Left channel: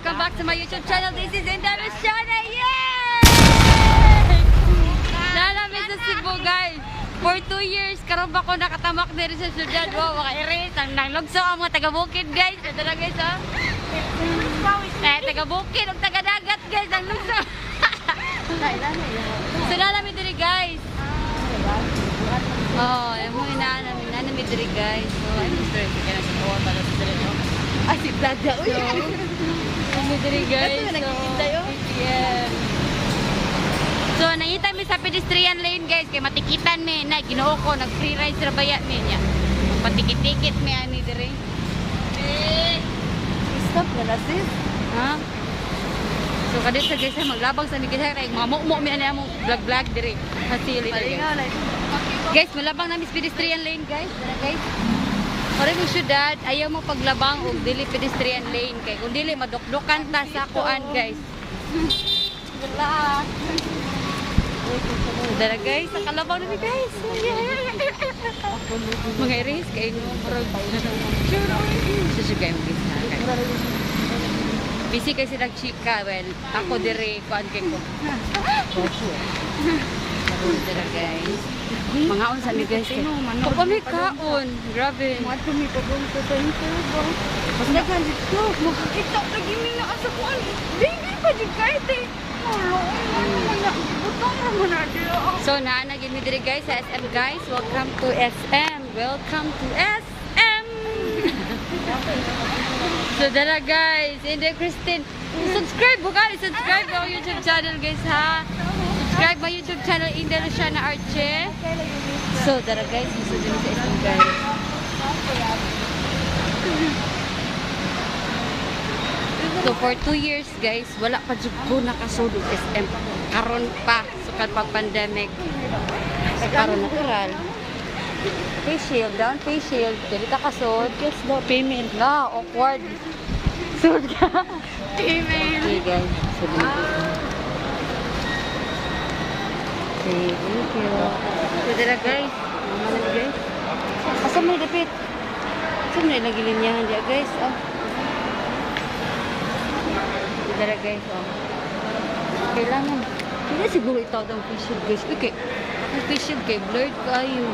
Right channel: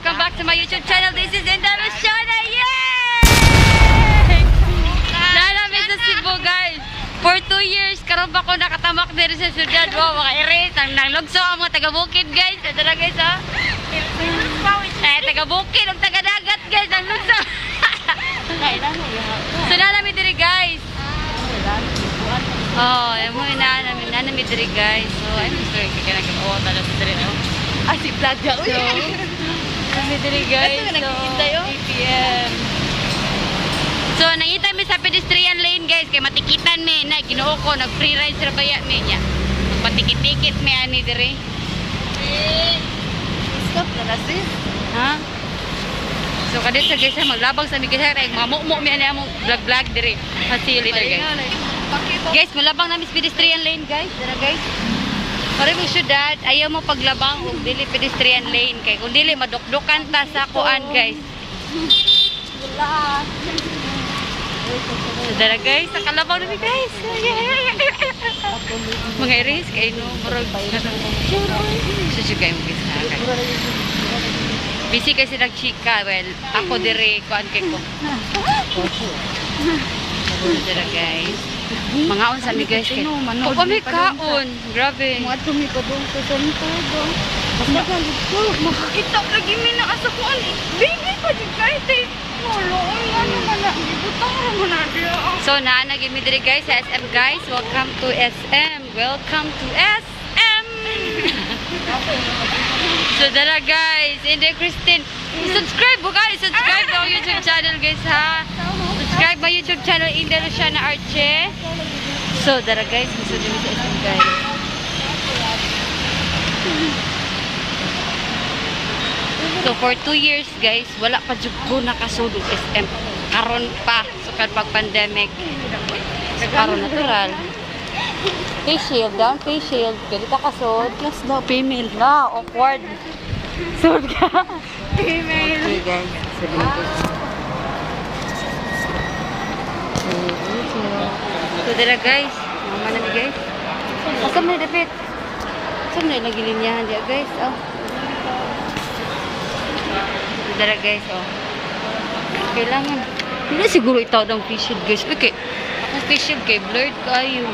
welcome back to my YouTube channel. This is Indalo Shana. Yay! Namin sa Cebu, guys. For 2 years, karon ba ko nakatamak dito sa syudad. Wow, mga iris. Ang nanglugso ang mga taga-bukid, guys. Ito na, guys, ha? Taga-bukid, ang taga-dagat, guys. Nanglugso. So, namin dito, guys. Oh, yung mga namin dito, guys. So, I'm sorry. Kaya nagkakawa talaga sa dito. Ah, si Plaga, uy. So, kami diri guys. Ito nga nakikita yun. Yeah. So, nangita mi sa pedestrian lane guys. Kaya matikitan mi na ginoo ko. Nag-free ride sa baya mi niya. Magpatikit-tikit mi ani diri. Stop na kasi. Ha? So, kadit sa guys, maglabang sa mi guys. Mamumo mi ani among vlog-vlog diri. Facilitator guys. Guys, malabang namin sa pedestrian lane guys. Dara guys. Pare mo syudad, ayaw mo paglabang og dili pedestrian lane kay kung dili madukdukan ta sa kuan guys. Wala. So dara guys, sa kalabaw namin guys. Mga iris kay no murag susu kay mo gisa kay. Busy kasi nagchika, well, ako dire kuan kay ko. Dara guys. Mga unsa mi guys kay. Ko kami kaon. Grabe. Mga tumikabong ko sa intubo. Basta kang dito. Makakita lagi mi na asa ko an. Baby pa di guys eh. So na gid mi diri guys sa SM guys. Welcome to SM. Welcome to SM. So dara guys, Inde Christine. Subscribe mo guys. Subscribe to our YouTube channel guys ha. Subscribe my YouTube channel Inde Luciana Arche. So dara guys, musudo mi sa SM guys. So for 2 years guys, wala pa jud ko nakasulog SM. Karon pa sukad pag pandemic. So karon natural. Face shield, down face shield. Pwede ka kasod. Yes, no, female. Na, awkward. Sud ka. Female. Okay guys, sabi na ko. Okay, thank you. So dira guys, mama na ni guys. Asa man dapit? Saan na lagi linyahan dia guys? Oh. So dira guys, oh. Kailangan. Hindi siguro itaw ng face shield guys. Okay. Ang face shield kay blurred kayo.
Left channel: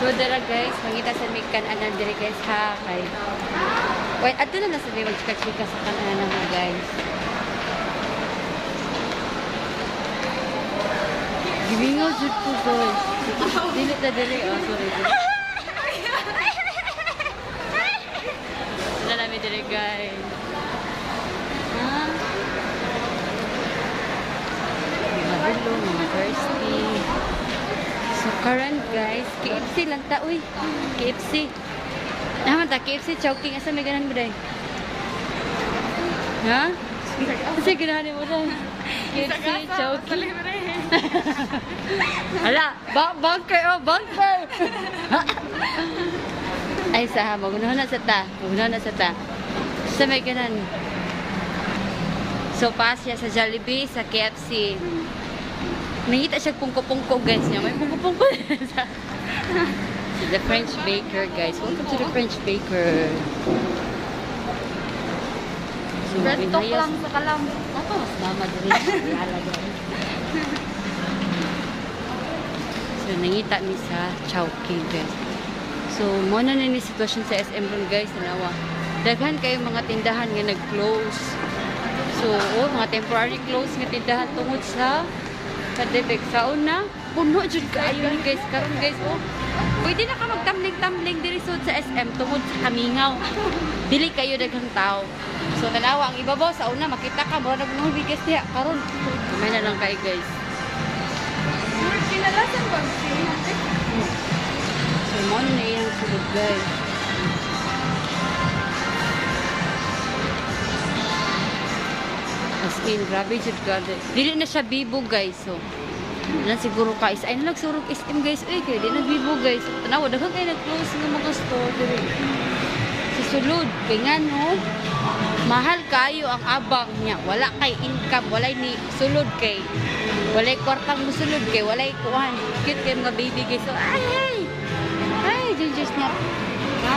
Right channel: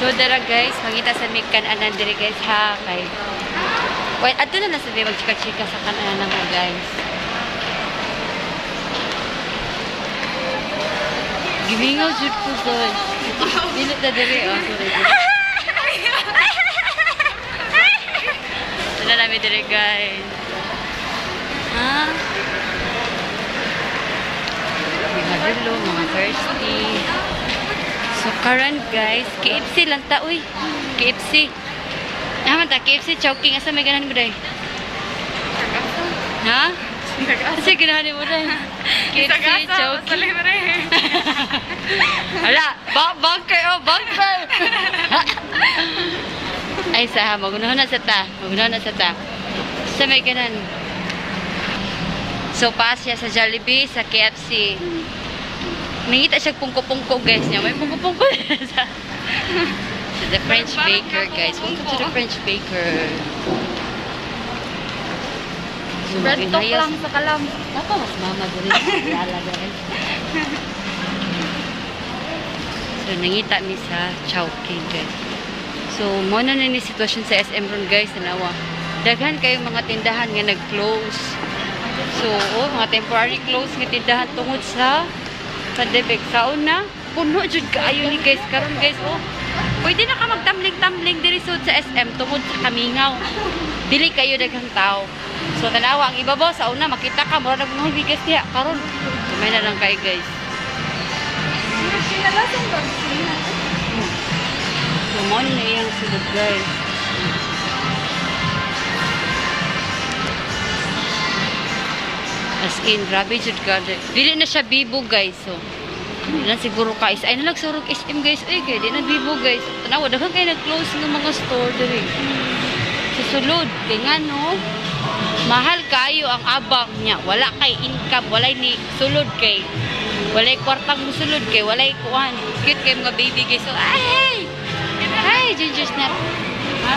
So dara guys, mangita sa may kanan diri guys ha kay. Wait, ato na lang sabi magchika-chika sa kanan ng mga guys. Gimingaw jud ko guys. Dili ta diri oh, sorry. Dala namin diri guys. Ha? Mga dulo, mga thirsty. So current guys, KFC lang ta uy. KFC. Naman ta KFC chowking asa may ganahan mo dai? Ha? Kasi ganahan mo dai. KFC chowking. Hala, bangkay oh, bangkay. Ay sa magunahan na sa ta. Magunahan na sa ta. Sa may ganan. So pass siya sa Jollibee, sa KFC. Nangita siya pungko-pungko guys niya. May pungko-pungko sa the French Baker guys. Welcome to the French Baker. So maghihayas. Sa kalam. Ako mas mama dali. Lala dali. So nangita mi sa Chowking guys. So mo na ni sitwasyon sa SM ron guys. Nawa. Daghan kayo mga tindahan nga nag-close. So mga temporary close nga tindahan tungod sa pandemic. Sa una, puno jud kaayo ni guys. Karon guys, oh. Pwede na ka magtamling-tamling diri sud sa SM tungod sa kamingaw. Dili kayo daghang tao. So tanawa ang ibabaw sa una makita ka mura nagmahal bigas niya. Karon, kumay na lang kayo guys. So mo na iyang sulod guys. As in, grabe jud ka. Dili na siya bibo guys. So, dili na siguro ka. Ay na nagsurog SM guys. Ay kay, di na bibo guys. Tanawa, daghang kayo nag-close ng mga store diri. Sa sulod. Kaya nga no, mahal kayo ang abang niya. Wala kay income. Walay ni sulod kay. Walay kwartang musulod kay. Walay kuhan. Cute kay mga baby guys. So, ay! Ay, ginger snap. Ha?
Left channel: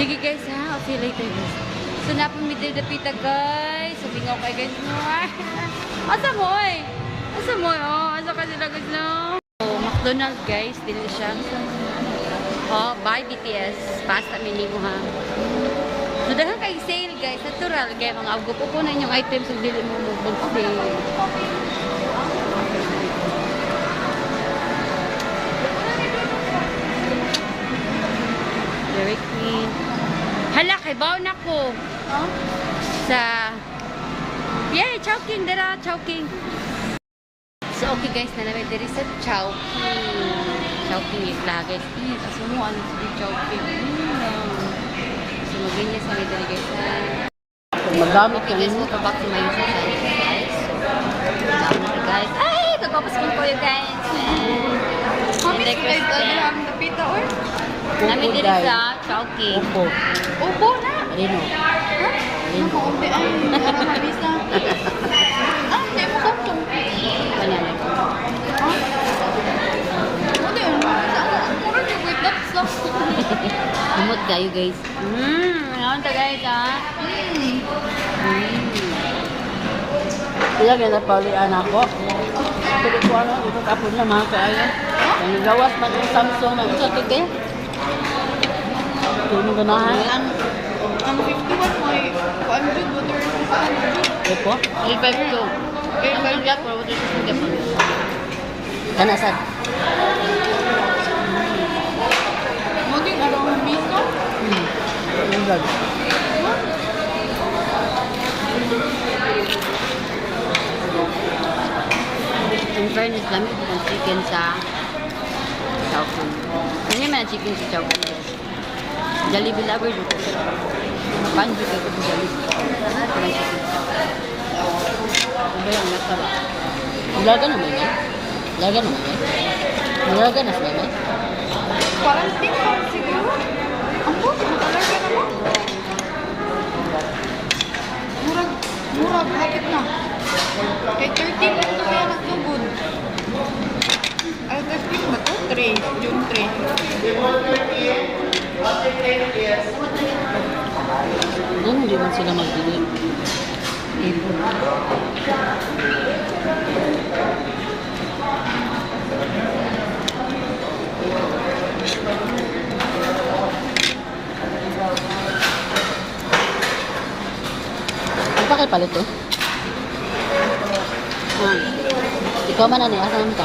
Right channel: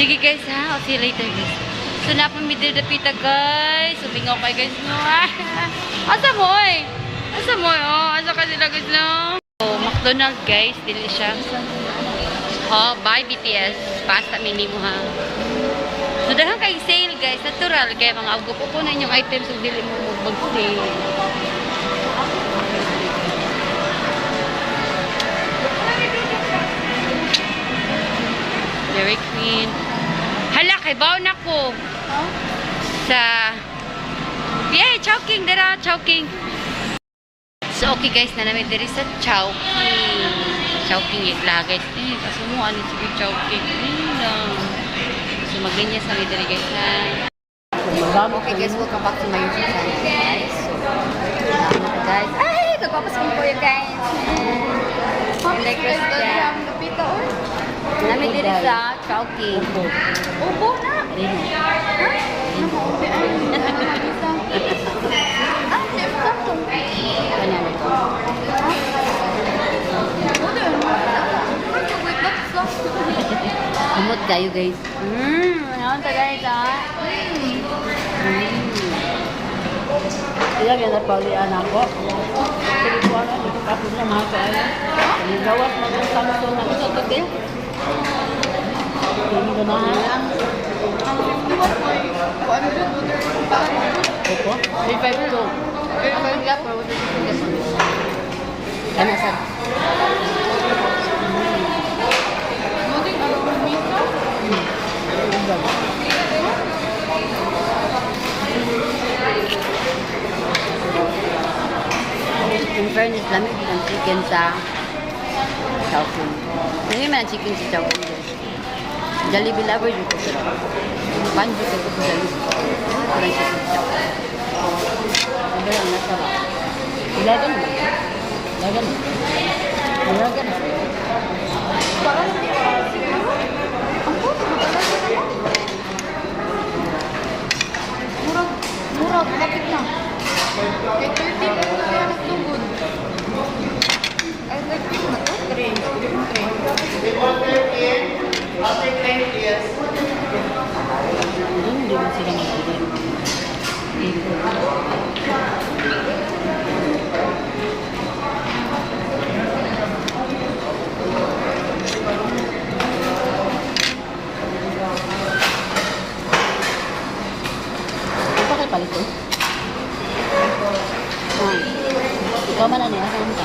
Sige guys ha. I'll see you later guys. So napamidil na pita guys. Subingaw kay guys no. Asa mo eh? Asa mo eh? Oh, asa ka sila guys no? So McDonald's guys. Dili siya. Oh, bye BTS. Pasta mini mo ha. So dahil kay sale guys. Natural kaya mga ugo po na inyong items. So dili mo mag-sale. Dairy Queen. Hala, kay baon ako. Sa... Yay, Chowking. Dara, Chowking. So, okay guys, na namin diri sa Chowking. Chowking itla guys. Kaso mo, ano sige Chowking. Lang. So, maglinya sa diri guys ha. Okay guys, welcome back to my YouTube channel guys. So, na guys. Ay, nagpapaskong ko yun guys. And like Christian. Namin diri sa Chowking. Ubo na. Ha? Naku-ubi ay bisa. Ah, sa imo kartong. Kanyan. Ano yun? Murag ka wait up sa. Kumot kayo guys. Ano ta guys ha? Kaya ganda pa rin anak ko. Pero ko ano, ako niya mga kaya. Ang gawas na ng Samsung na isa ka din. Ano ba na yan? Ang 50 watt may 100 water. Ito? 852. Ang ganda po, water system ka po. Ano sa? Maging around piso. In fairness, lamig ang chicken sa Chowking. Hindi man ang chicken sa Chowking guys. Jollibee lover dito ko. Banjo ko sa Jollibee. Ito lang chicken sa Chowking. Ano lang nasa ba? Ilaga naman yan. Ilaga naman. Ilaga na sila. Parang stick pa siguro. Ang puso, matalagay na lang. Murag, hapit na. Kay 30 na ito kaya nagtugod. Ay, 30 ba? Oh, 3. Yung 3. Hindi man sila magbili. Apa kay palit eh? Ikaw man ano, asan ka?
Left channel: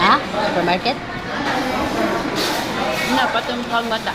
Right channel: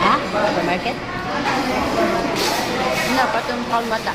Ha? Supermarket? Dapat yung kalmata.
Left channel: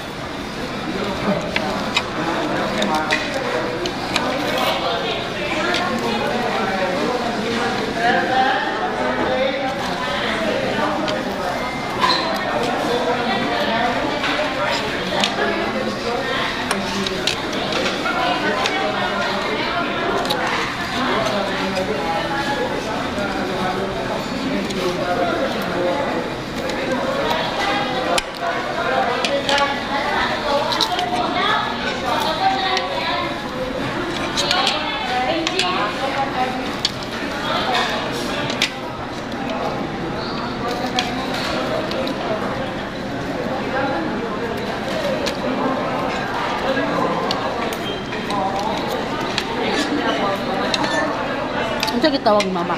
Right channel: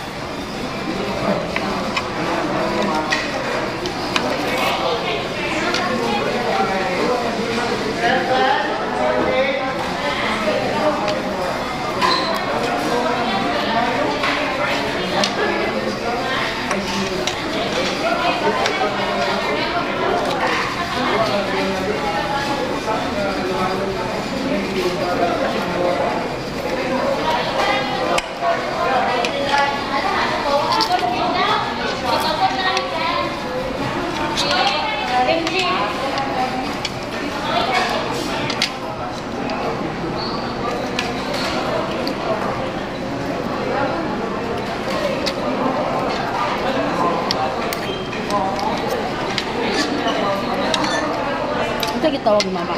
Ito kitawag mama.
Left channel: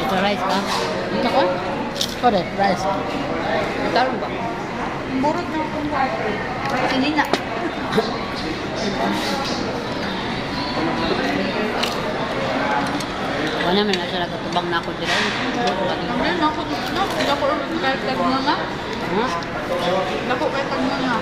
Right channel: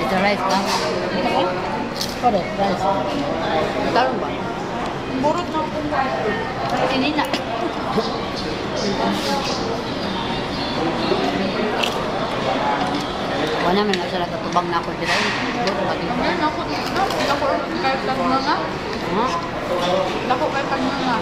Ito rice ka? Ito ko? Correct, rice. Talong ba? Burot ng kumbuan. Sinina. Wala man na siya katubang na ako dira. Ano na ako dito? Ako kahit pagmana. Ha? Ako kahit pagmana.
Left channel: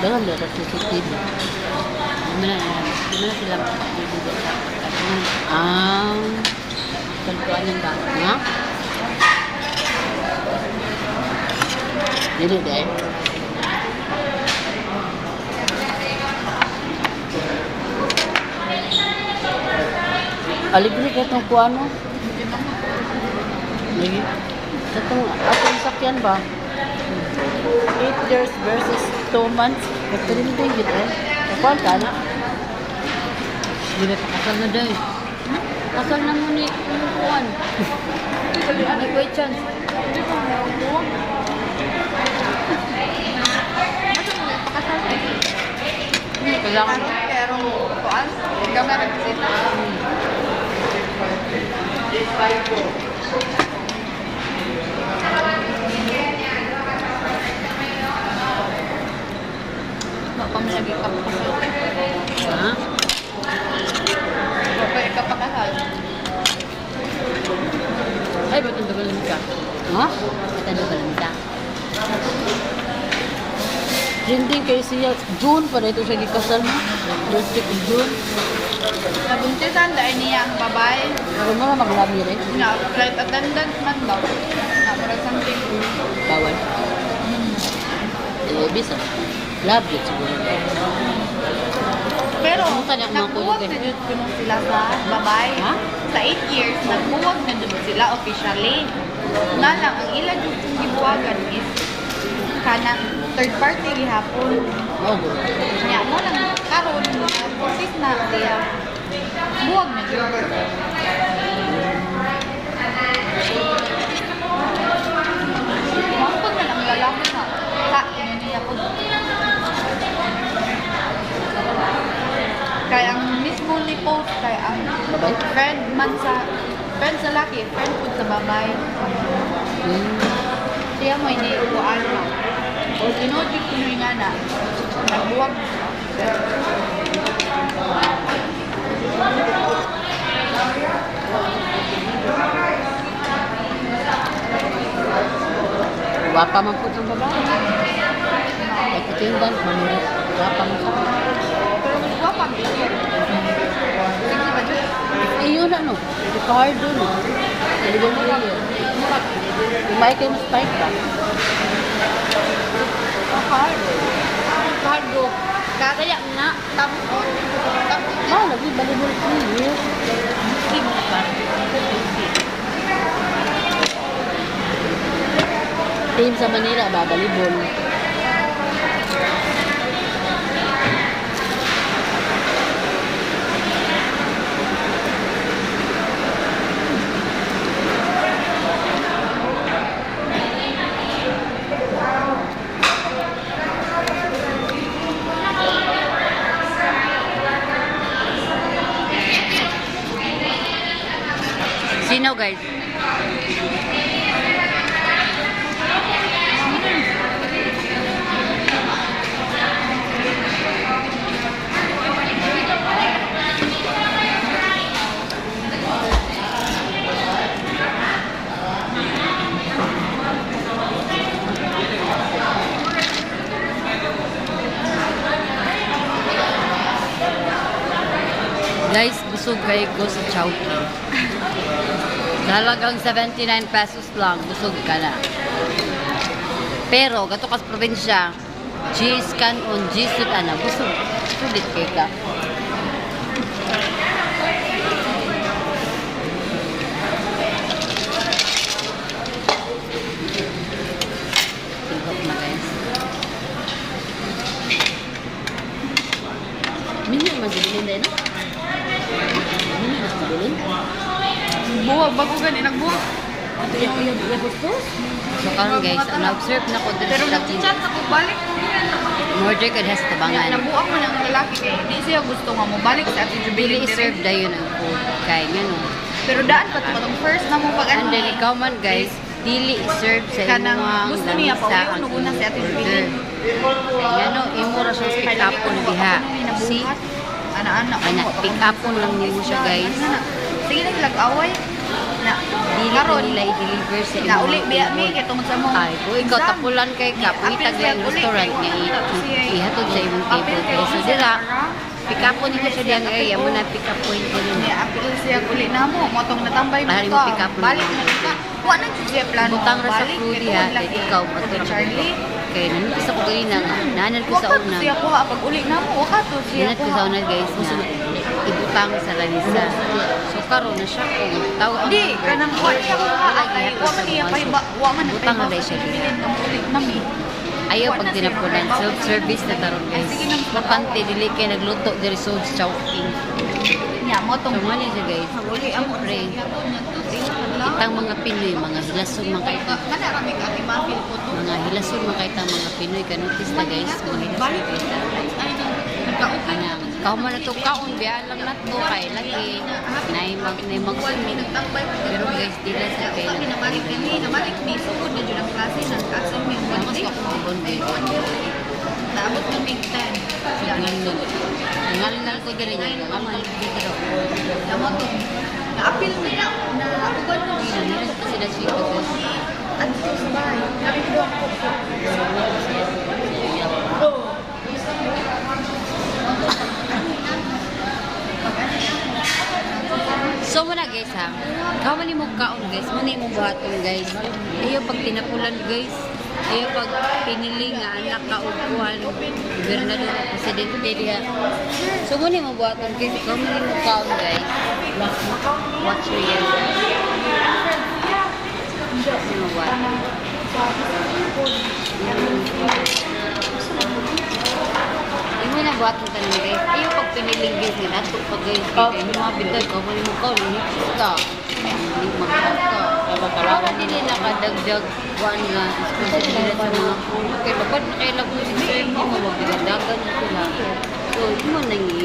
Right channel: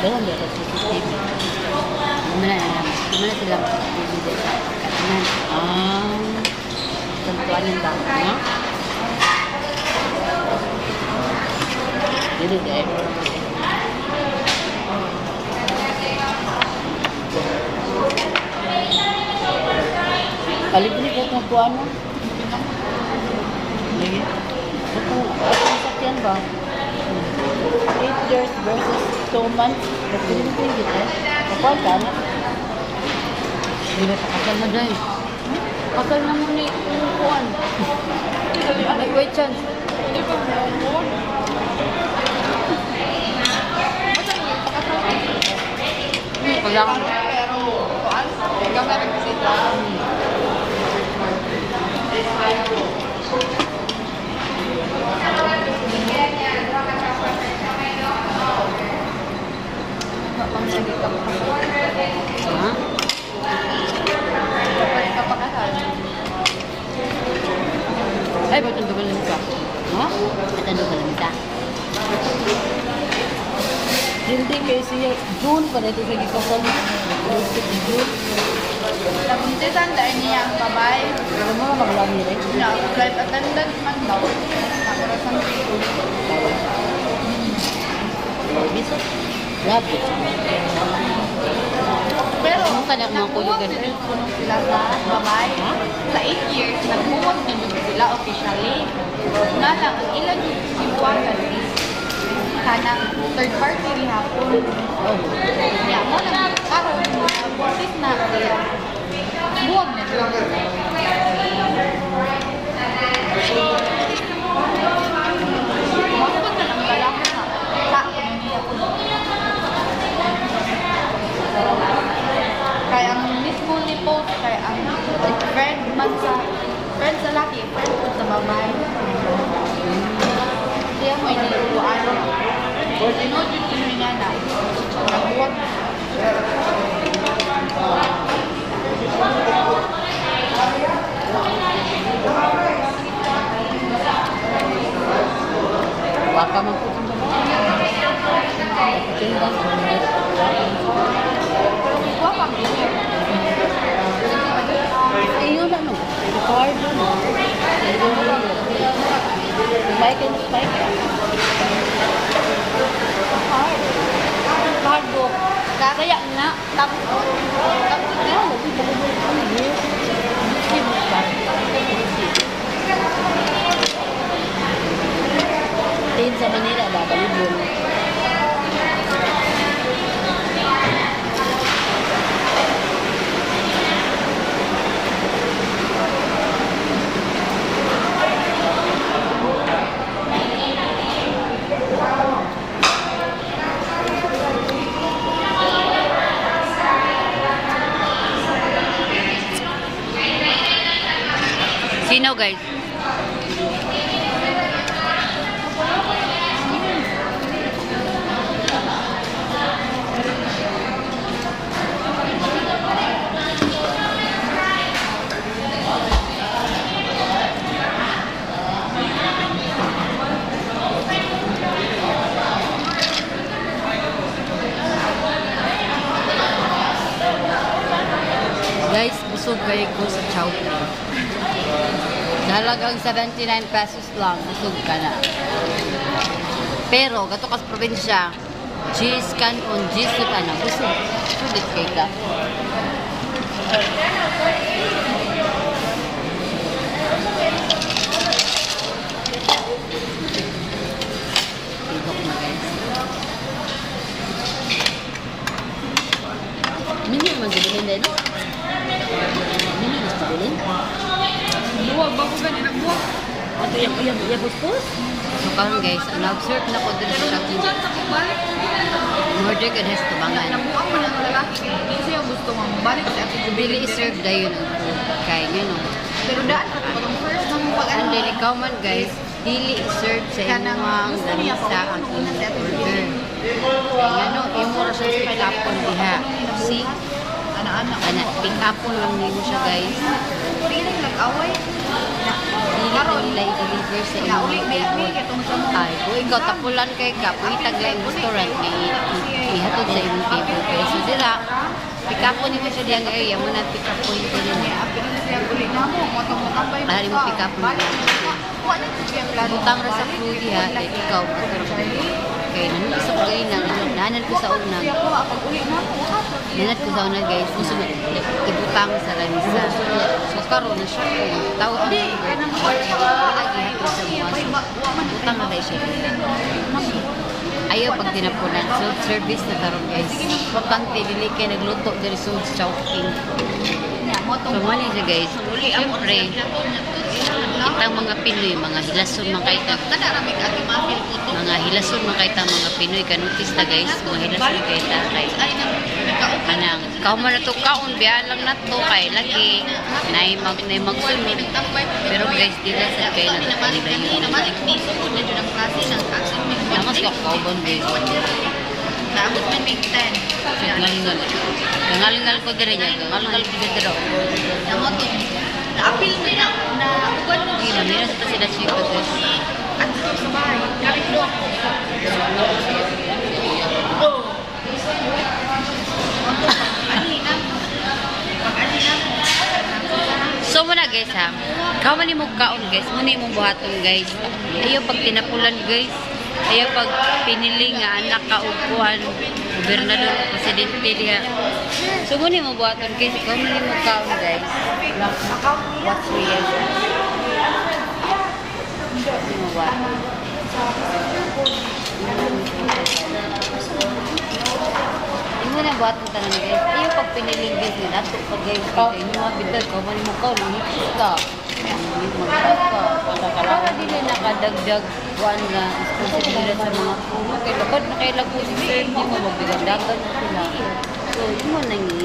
Dalam dia CCTV. Di mana silang bibigay sa katanan. Tentuan yang bang. Ha? Dili deh. Alip ni itong kuan mo. Lagi. Atong sakyan ba? 8 years versus 2 months. Ito din ito yung gito. Ikaw ka na. Bila pakasal na dyan. Kasal na mo ni yung kuwan. Ay, wait, chance. Hindi pa mo ako. Ano mo yung pakasal? Kailangan. Pero, kuan? Gamay rin kasi ito. Pamsalit ka pa kasal. Ha? Kapag ka pa kasal. Ay, ba't yung dugal ka? Ha? At ano ka lang ka? Hindi kay siya. June pa na ito siya gipasal. June. Nabuntisan dahil niya ang babae. Ano mo maglami rin? Na flight attendant man daw. Na mura something. Bisa. Love it. Pero, Ano ka na mga kulugan? Nagbuwag sila sa babae. Sa 8 years, nagbuwag na din sila officially. Na lang, ang ilan yung sibuwagan is kanang third party gihapon. Kaya mo nang karon buntis na sila. Buwag na din. Mangkot na lang lalaki na. Ta, niya ko. Kaya ang mismo ni post, kaya ang friend sa laki, friend po sa babae. Siya mo iniupuan na. O dinodit ko nga na. Nagbuwag. Baka mo po ito. Tingnan ko. Pero buwag kang Iyo na no. Ricardo no. Iyo na. Mike and Spike. Cardo. Kagaya nga. Tapos Ah, lagi balik-balik ko. Hindi mo pa. Team sa Manila ba? Balibon. Sino guys? Guys, busog kayo ko sa Chowking. Halagang 79 pesos lang, busog ka na. Pero, gato ka sa probinsya, G-scan on G-sit na, busog. Sulit kay ka. Tigok na guys. Hindi mo naman sibilin din. Hindi mo mas sibilin. buwag. Bago ganun ang buwag. Ato yung puspos? So karon guys, na-observe na ko din Pero sa nagpuchat Chowking. ako balik. Mordred and has tabangan. Nabuak mo ng lalaki kaya hindi siya gusto nga mabalik sa ating Bili jubilee serve dayon ang food. Kaya nga no. Pero daan pa ito. Itong first na mo And then ikaw man guys, dili serve sa Kanang imuhang gusto niya ganisa po, ang yun, una sa ating order. Kaya no, imura siya pick upon diha. See? Anak-anak. Ana, pick upon lang nimo siya guys. Tingin lang away. Na, dili ko nila i-deliver sa inyong mga table. Ay, kung ikaw tapulan kay ka, palitag lang restaurant na ihatod sa inyong table. Kaya so dira, pick up point mo sa diyang area, mo na pick up point ko rin. Para mo pick up point mo. Butang ra sa food niya, ikaw matulog ko. Kaya namin ko sa kutuina, nanan ko sa una. Nanan ko sa una guys na ibutang sa lanisa. So karon na siya kung tao ang number. Wala gihapon sa mga siya. Butang na dahil siya. Ayaw pag dinapunan. Self-service na karon guys. Wakante, dili kayo nagluto diri sa Chowking. So mali siya guys. Siyempre, kitang mga Pinoy, mga hilason mga kaita. Mga hilason mga kaita, mga Pinoy. Kanutis na guys, mga hilason mga kaita. Anang, ikaw man na to kaon, biya lang na to, kay lagi, na magsunod. Pero guys, dila sa kayo na ito, dila yun. Namas ka kaubon guys. Dapat man may 10. Gangalingal. Gangalingal ko din niya. Gangalingal ko din daw. Na-appeal nila na uban mo. Hindi na, meron sila chico guys. So muna guys ha, kao man mo kaon guys, muna mo buhaton guys. Ayaw pag tinapulan guys, ayaw pag pinili nga anak ka o kuhan, gobernador o presidente diya. So muna mo buhaton guys, kao man mo kaon guys. Watch me guys. Ano ba? Imo na buhat mo tanan guys. Iyo pag piniling guys nga dato pag guys kay imo mga bidal ko mo mo kaon ni ka. Magkaka. Para dili nakadagdag kuan nga responsibilidad sa mga kuno kay dapat na kay lagu si sir mo magdagdagan sila. So imo na ni.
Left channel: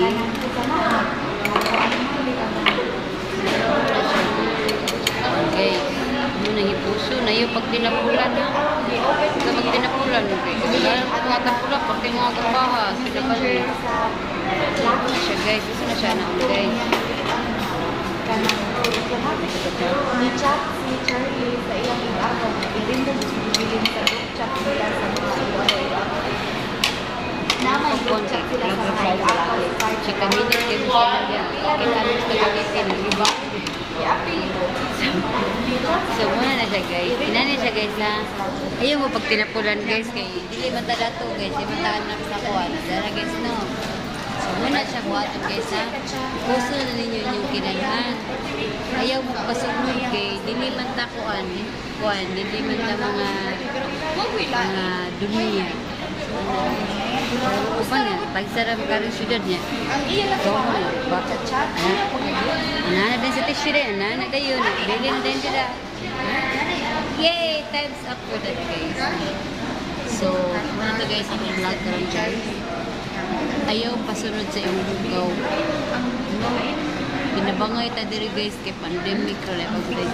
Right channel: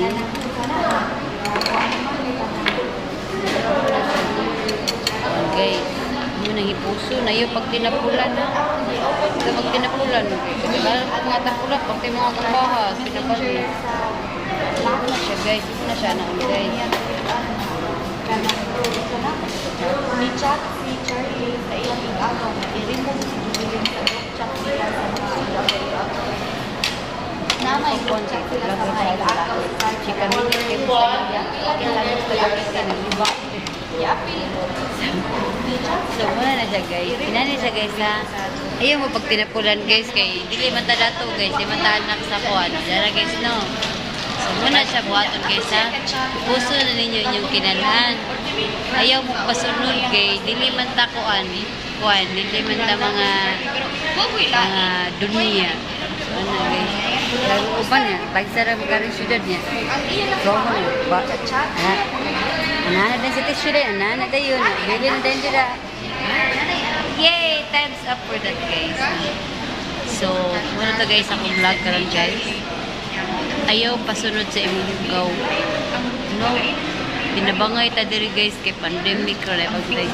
Okay. Imo nang ipuso na iyo pag tinapulan ha. Sa pag tinapulan, kaya mga tapulan, pag mga pambahas, pinabali. Siya guys, isa na siya na guys. Ni chat si Charlie sa ilang igagaw na hindi mo sibilin sa group chat sila sa mga igagaw-igagaw. Na may group chat sila sa mga igagaw sa Charlie. Chika minit kayo sa lagya. Kaya ano sa lagya, nag-iba. I-appeal mo. So, muna na siya guys. Inanin siya guys na ayaw mo pag tinapulan guys kay dili man ta dato guys. Di man ta anak sa kuhan. Dara guys no. So, muna siya buhaton guys ha. Puso na ninyo inyong kinanhan. Ayaw mo pasunod kay dili man ta kuhan. Kuhan. Dili man ta mga dunia. So, ano guys. Lalo upan niya. Pagsara makarin syudad niya. So, ano ba? Anana din sa tissue din. Anana din yun. Bili na din sila. Yay! Time's up for that guys. So, muna to guys akong vlog karon guys. Ayaw pasunod sa imong bugaw. No. Pinabangay ta diri guys kay pandemic ra pag day.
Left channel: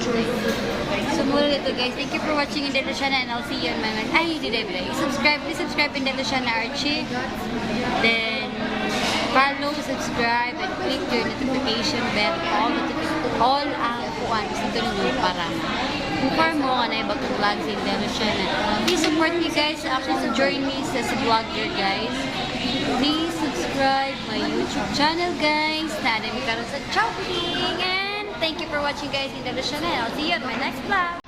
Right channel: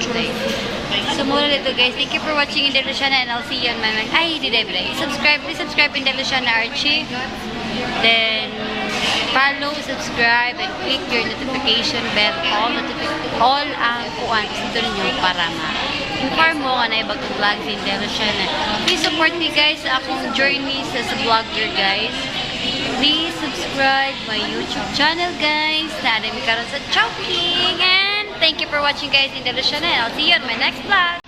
So muna dito guys. Thank you for watching in Luciana and I'll see you on my next. Ay, di day. Please subscribe in Luciana Archie. Then follow, subscribe, and click your notification bell. All ang kuan dito ninyo para ma-inform mo kung ano ibang vlogs in Luciana. Please support me guys sa akong journey sa vlogger guys. Please subscribe my YouTube channel guys. Na mi karon sa Chowking. And thank you for watching guys in Luciana. And I'll see you on my next vlog.